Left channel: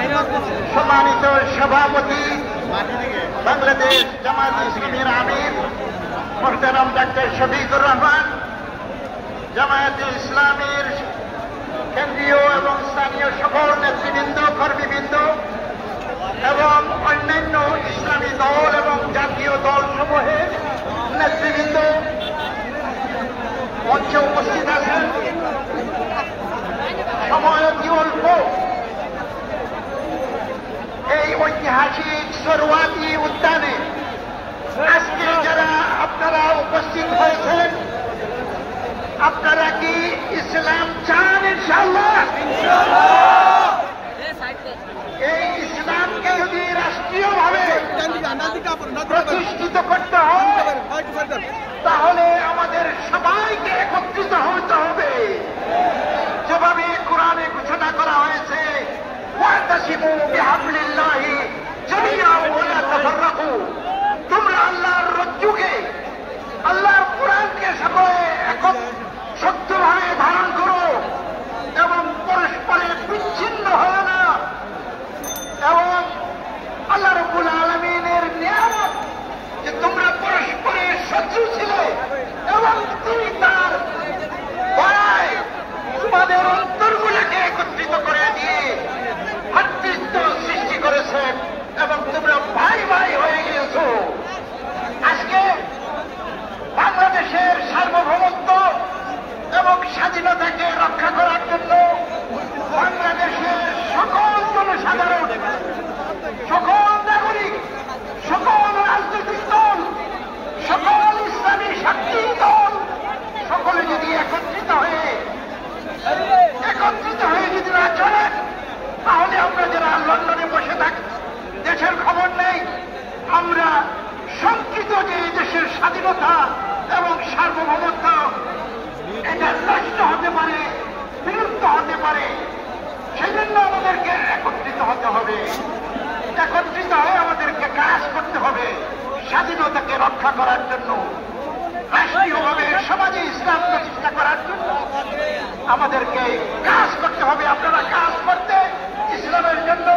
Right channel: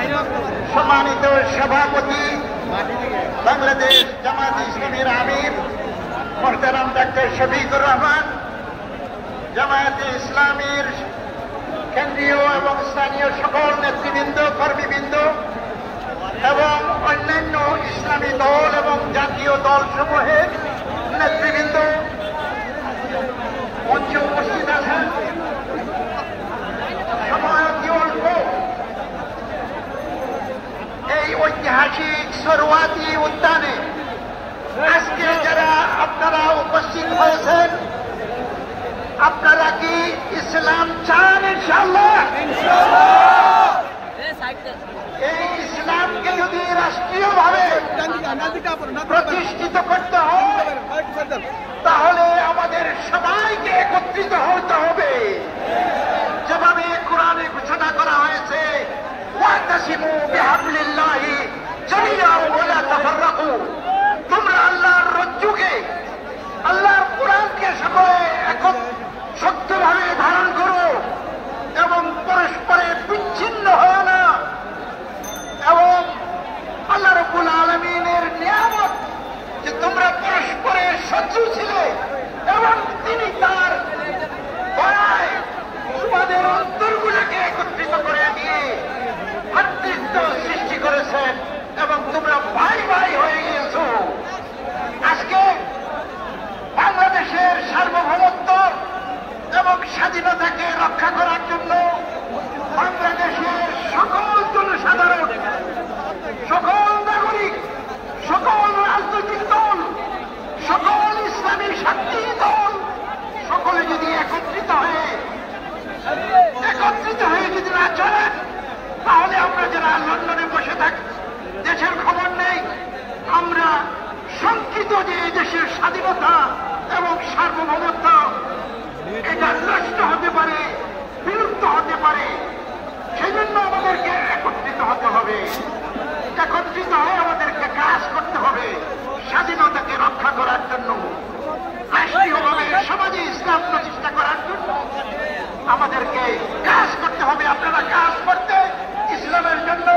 সম্মানিত সভাপতি বাংলাদেশ জামায়াত ইসলামীর আমির মোহতারাম ডক্টর শফিকুর রহমান, জামায়াতে ইসলামীর কেন্দ্রীয় এবং স্থানীয় সকল নেতৃবৃন্দ, কর্মীবৃন্দ এবং অন্যান্য ইসলামী দল এবং জাতীয় দল সমূহের নেতৃবৃন্দ মঞ্চে উপস্থিত আছেন। সময় অতি অল্প, এই ঐতিহাসিক সোহরাওয়ার্দী উদ্যানে আজকে যারা আপনারা উপস্থিত হয়েছেন, আপনারা কি ইসলাম চান? ইনশাআল্লাহ। এই ইসলামকে যদি রাষ্ট্রীয়ভাবে প্রতিষ্ঠিত করতে হয় তাহলে আমাদের সবাইকে একত্রিত হতে হবে। যেভাবে কোরআনে ঘোষণা করা হয়েছে, ওয়াতাসিমু বিহাবলিল্লাহি জামিআন ওয়া লা তাফাররাকু, তোমরা আল্লাহর রজ্জুকে, আল্লাহর কোরআনকে সকলে শক্তভাবে ধারণ করো এবং পরস্পরে বিচ্ছিন্ন হয় না। এবং আল্লাহ রাব্বুল আলামিনের নিয়ামত যে তোমরা পরস্পরে শত্রু ছিলে এবং তিনি তার দয়ায় তোমাদের অন্তরগুলোকে একত্রিত করে দিয়ে ভ্রাতৃত্ব সৃষ্টি করেছেন এবং তোমরা ভাই ভাই হয়ে গিয়েছো। আজকে বাংলাদেশের সার্বভৌমত্ব এবং স্বাধীনতাকে রক্ষা করার জন্য বাংলাদেশের সকল জনসাধারণ, সকল নাগরিক, সকল রাজনৈতিক দল, সকল ইসলামী শক্তি দল সকলে যদি একত্রিত হয়ে যদি না চলেন তাহলে আমরা যারা লন্ডনে বসে থাকি, দেশের খবর নেই, আমরা শঙ্কিত যে এই দেশের স্বাধীনতা এবং সার্বভৌমত্ব এটা নষ্ট হতে পারে, বিলুপ্ত হতে পারে। সেজন্য আমাদেরকে একত্রিত হতে হবে, একত্রিত হয়ে আমাদেরকে কাজ করতে হবে স্বাধীনতাকে রক্ষা করার জন্য, রাষ্ট্রীয়ভাবে সমাজে ইসলাম প্রতিষ্ঠা করার জন্য আমাদেরকে কাজ করতে হবে। আপনারা কাজ করতে, ইসলামের জন্য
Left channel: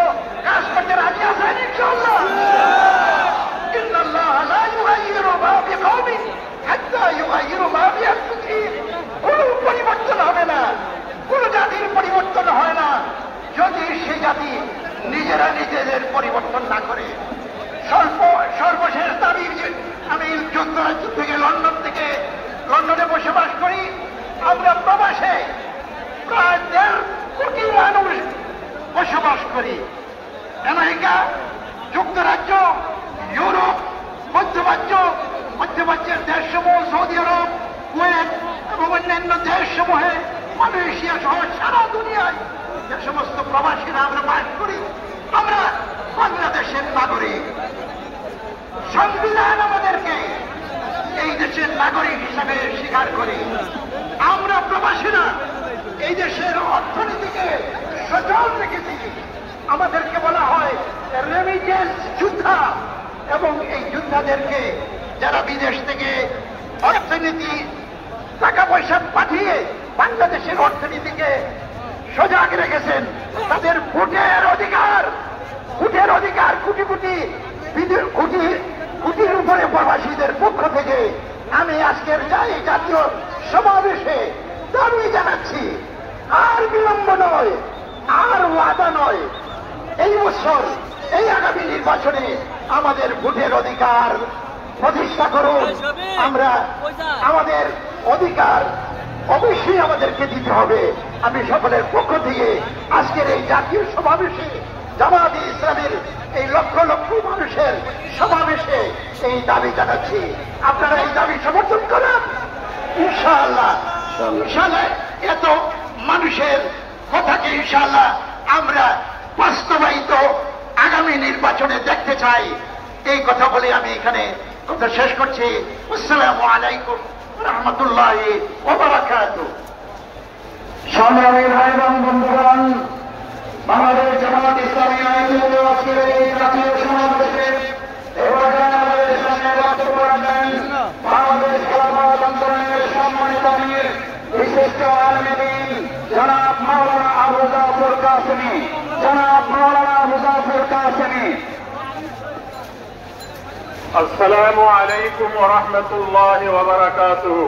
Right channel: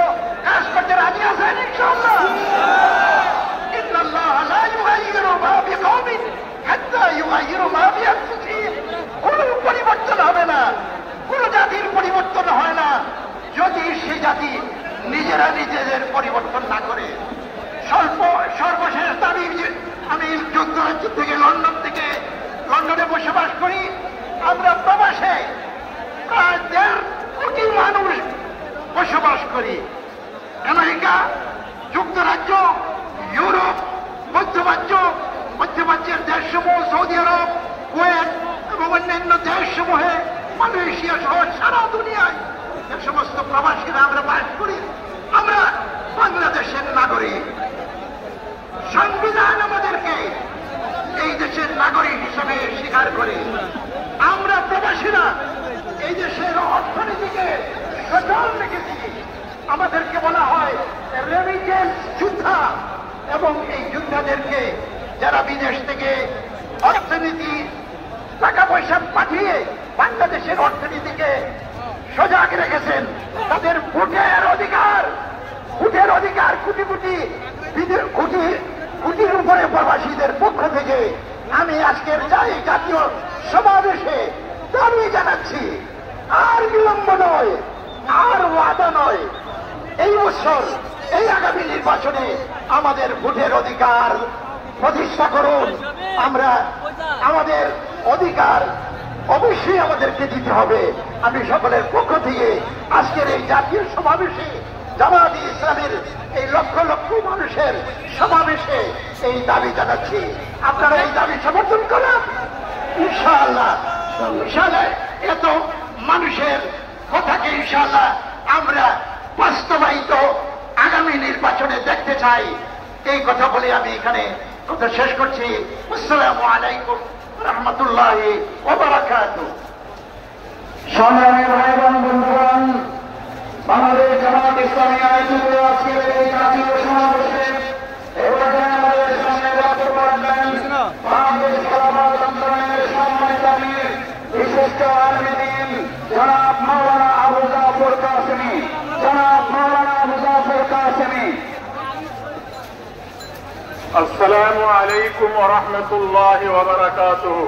কাজ করতে রাজি আছেন? ইনশাআল্লাহ। ইন্নাল্লাহ লা ইউগাইয়িরু মা বিকওমিন হাত্তা ইউগাইয়িরু মা বিআনফুসিহিম। কোন পরিবর্তন হবে না, কোন জাতির পরিবর্তন হয় না যদি সে জাতি নিজেরা নিজেদের পরিবর্তন না করে। সর্বশেষ দাবি, আমি যুক্তরাজ্য থেকে লন্ডনে বসবাস করি। আমরা প্রবাসে প্রায় 1.5 কোটি মানুষ বসবাস করি। আমেরিকা, যুক্তরাজ্য, ইউরোপ, মধ্যপ্রাচ্যের দেশসমূহ, সৌদি আরব, কুয়েত এবং অন্যান্য দেশসমূহে, মালয়েশিয়া সহ সারা দুনিয়ায় যে সমস্ত প্রবাসীরা আমরা বাস করি, আমরা বাংলাদেশের নাগরিক। সংবিধান আমাদেরকে এই দেশের নাগরিক হিসাবে স্বীকার করে। আমরা প্রবাসীরা এই দেশের অর্থনীতিকে সচল রেখেছি। আমাদেরকে বলা হয় রেমিটেন্স যোদ্ধা, এবং এই যোদ্ধাদেরকে যারা বিদেশ থেকে অর্থনীতি টাকা পয়সা পাঠিয়ে বাংলাদেশের অর্থনীতিকে সজাগ রেখেছেন, তাদের ভোটের অধিকার কোটির উপরে প্রবাসীদের পক্ষ থেকে আমি আজকের জাতীয় সমাবেশে দাবি জানাচ্ছি, আর বিলম্ব নয়, আর ওয়াদা নয়, এই বছর এই আগামী নির্বাচনে আমাদের ভোটের অধিকার প্রতিষ্ঠা করুন। আমরা আমাদের অধিকার অবশ্যই আমাদেরকে দিতে হবে। আমি সকলের পক্ষ থেকে আজকের এই জাতীয় সমাবেশে, জামায়াতে ইসলামীর এই লক্ষ লক্ষ মানুষের সমাবেশে এই দাবি জানাচ্ছি। আপনারা এই দাবি সমর্থন করেন ইনশাআল্লাহ। এত মানুষের কথাকে ইনশাআল্লাহ আমরা বাস্তবায়িত আগামী নির্বাচনে দেখতে চাই। এই কথা বলে আমি এখানে কথা শেষ করছি। আসসালামু আলাইকুম রহমতুল্লাহি ওয়া বারাকাতুহু। সংগ্রামী ভাই বোন বন্ধুগণ, বাংলাদেশ জামায়াত ইসলামী আয়োজিত আজকের এই জাতীয় সমাবেশে আমাদের সামনে বক্তব্য রাখবেন বাংলাদেশ খেলাফত আন্দোলনের সম্মানিত আমির বিশিষ্ট আলেম দ্বীন জনাব মাওলানা আবু জাফর কাসেমী। জনাব মাওলানা কাসেমি। আসসালামু আলাইকুম ওয়া রাহমাতুল্লাহি ওয়া বারাকাতুহু।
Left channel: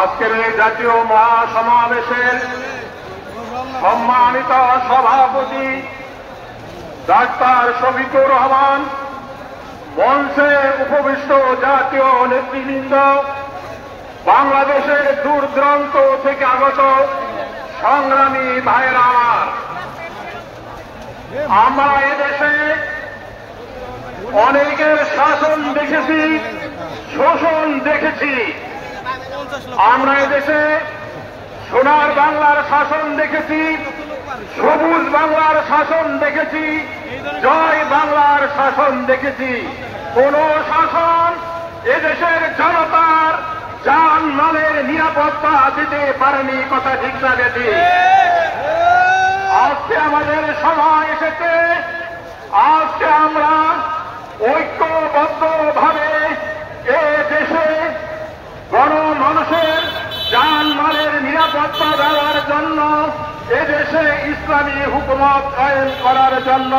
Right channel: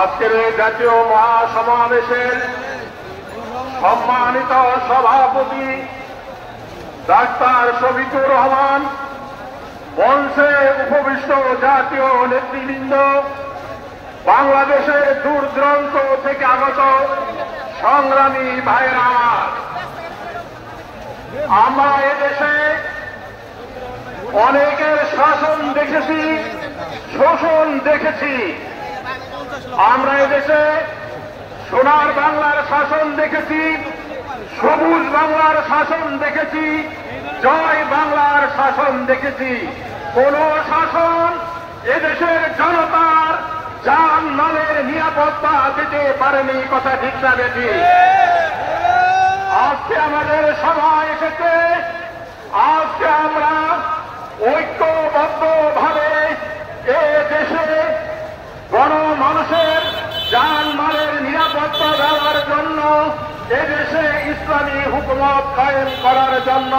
আজকের এই জাতীয় মহাসমাবেশের সম্মানিত সভাপতি ডাক্তার শফিকুর রহমান, মঞ্চে উপবিষ্ট জাতীয় নেতৃবৃন্দ, বাংলাদেশের দূর দূরান্ত থেকে আগত সংগ্রামী ভাইয়েরা, আমরা এদেশে অনেকের শাসন দেখেছি, শোষণ দেখেছি। আমরা এদেশে সোনার বাংলার শাসন দেখেছি, সবুজ বাংলার শাসন দেখেছি, জয় বাংলার শাসন দেখেছি। কোন শাসন এদেশের জনতার জান মালের নিরাপত্তা দিতে পারেনি, কথা ঠিক না বেশি। আজকে আমাদের সময় এসেছে, আজকে আমরা ঐক্যবদ্ধভাবে এ দেশে গণমানুষের জান মালের নিরাপত্তা দেওয়ার জন্য, এদেশে ইসলামী হুকুমত কায়েম করার জন্য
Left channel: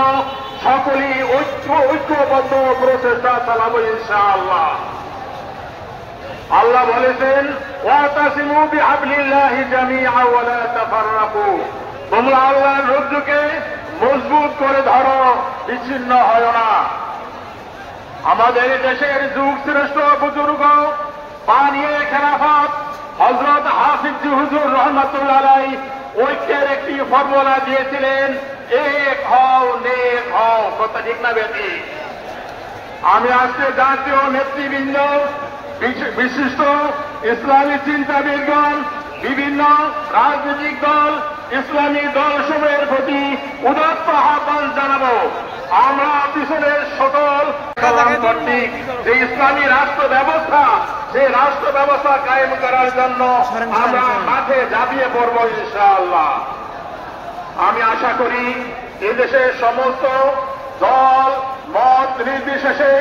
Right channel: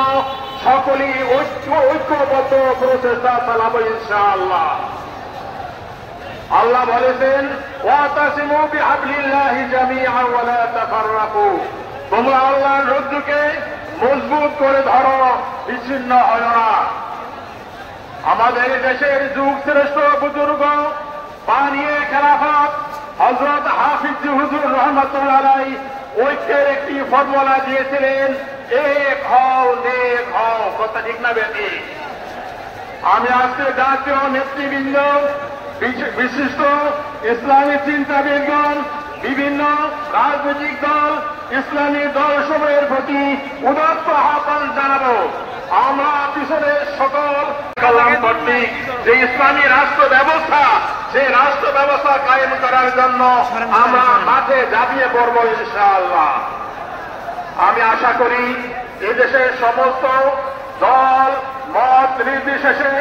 সকলেই ঐক্যবদ্ধ প্রচেষ্টা চালাবো ইনশাআল্লাহ। আল্লাহ বলেছেন, ওয়াতাসিমু বিহাবলিল্লাহি জামিআ ওয়া লা তাফাররাকু, তোমরা আল্লাহর রজ্জুকে মজবুত করে ধরো, বিচ্ছিন্ন হয় না। আমাদের দেশের যুগ শ্রেষ্ঠ বুজুর্গ বানিয়ে খেলাফত হযরত হাফিজ হুজুর রহমাতুল্লাহ আলাইহি ঐক্যের একটি ফর্মুলা দিয়েছিলেন, এক হও নেক হও, কথা ঠিক না বেশি। আমি আজকে জাতীয় নেতৃবৃন্দ, বিশিষ্ট ইসলামী চিন্তাবিদগণ, বিভিন্ন রাজনৈতিক দল, ইসলামী দলসমূহের প্রতি উদাত্ত আহ্বান জানাবো। আমরা পিছনের সকল কর্তৃক যে ইসলামী রাষ্ট্র ব্যবস্থা, সেই রাষ্ট্র ব্যবস্থা কায়েম করার জন্য আমরা মাঠে ঝাঁপিয়ে পড়ব ইনশাআল্লাহ। আমি আশা করি এদেশের সমস্ত দল মত নির্বিশেষে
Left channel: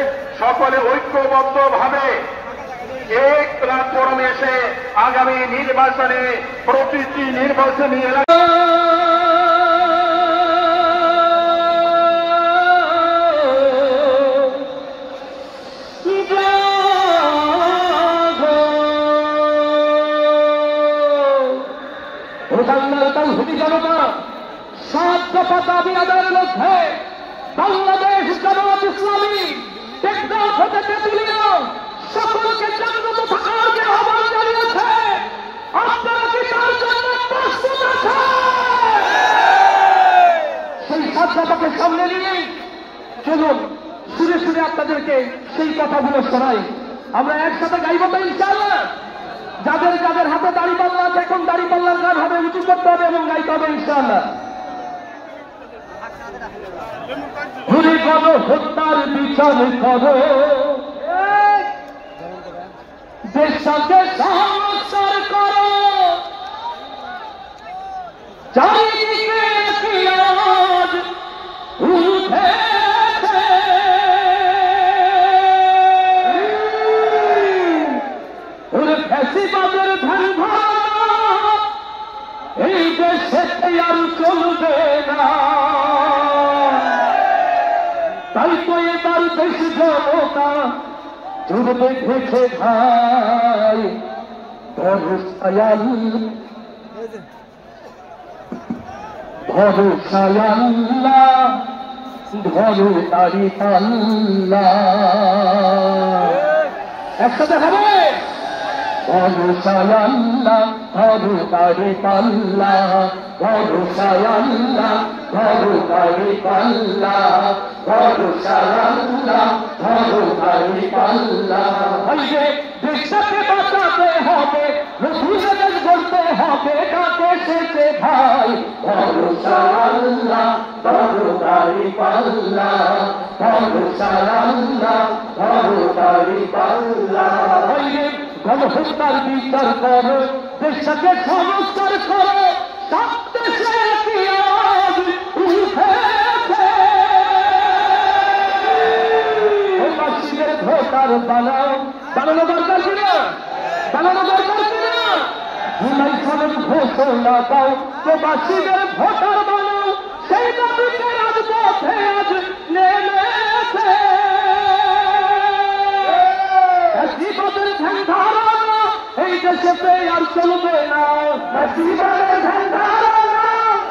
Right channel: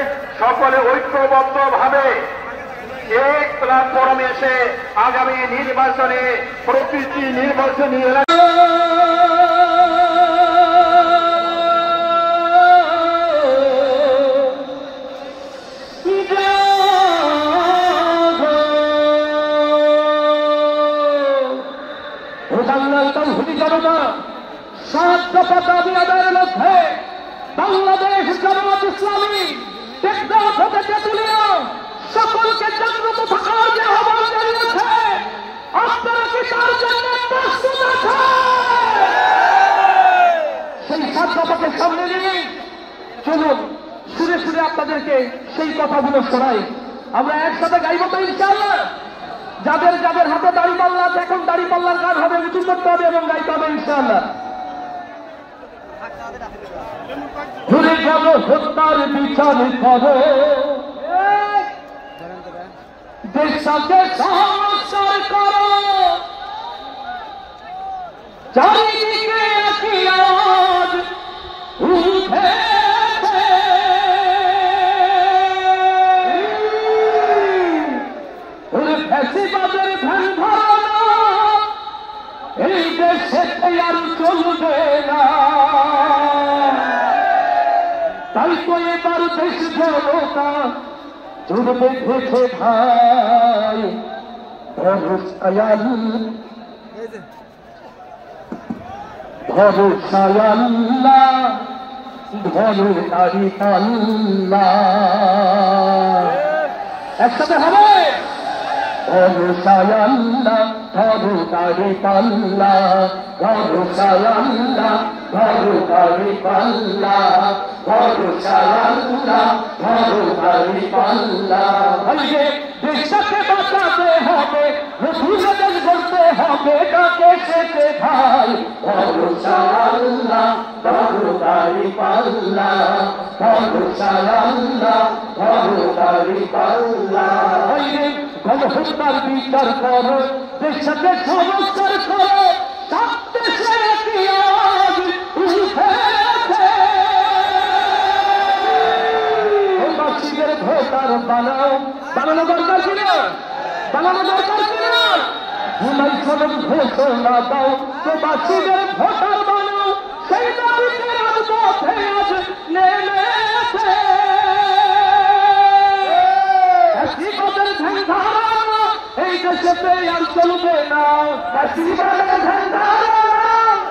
সকলে ঐক্যবদ্ধভাবে এক প্ল্যাটফর্মে এসে আগামী নির্বাচনে প্রতিটি নির্বাচনী সাত দফা দাবি আদায়ের লক্ষ্যে বাংলাদেশ জামাত ইসলামী টেকনাফ হতে তেঁতুলিয়া সকলকে জাগ্রত থাকার যে আহ্বান জানিয়েছে, আপনারা কি তার জন্য প্রস্তুত আছেন? সেই সাত দফাকে সামনে নিয়ে চলুন সুরে সুরে আপনাদেরকে সেই কথাগুলো শোনাই। আমরা একসাথে গাইব তো ইনশাআল্লাহ। যাদের যাদের হাতে দাঁড়িপাল্লা আছে, এখন দাঁড়িপাল্লার গান হবে, উঁচু করতে হবে এবং গাইতে হবে ইনশাআল্লাহ। ঘুরে গেল হত্যার বিচার করো, দেশকে সংস্কার করো, চারিদিকে একই আওয়াজ উঠেছে, ওরে ফ্যাসিবাদের ধ্যান ধারণা এই দেশে আর চলবে না। তাই তো এবার দেশ জনতা জুড়বে দেখে ভাই, ভরসায়াল্লাহ ধরো দাড়ি পাল্লা, একসাথে হবে ভরসায়াল্লাহ ধরো দাড়ি পাল্লা, ভরসায়াল্লাহ ধরো দাড়ি পাল্লা, ভরসায়াল্লাহ ধরো দাড়ি পাল্লা। দেশকে বাঁচাতে হবে, মুসলিমদের বলতে হবে কাকে সেতে ভাই, ভরসায়াল্লাহ ধরো দাড়ি পাল্লা, ভরসায়াল্লাহ ধরো দাড়ি পাল্লা। গণহত্যার বিচার করো, দেশকে সংস্কার করো, সব দেশে একই আওয়াজ উঠেছে। বাসীদের ভোটার বানাও, বানানো দরকার ছিল, বানানো দরকার ছিল। ঘোষণা দাও, প্রবাসীদের ভোটার বানাও, সেই দাবিতে পথে আজ নেমেছে ফ্যাসিবাদের ধ্যান ধারণা এই দেশেতে আর চলবে না ফ্যাসিবাদের ধ্যান ধারণা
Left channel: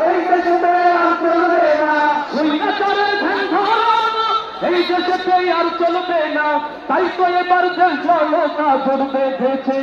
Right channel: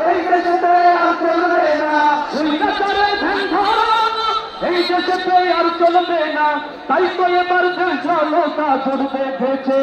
এই দেশেতে আর চলবে না স্বৈরাচারের ধ্যান ধারণা এই দেশেতে আর চলবে না তাই তো এবার দেশ নৌকা চলবে বেঁচে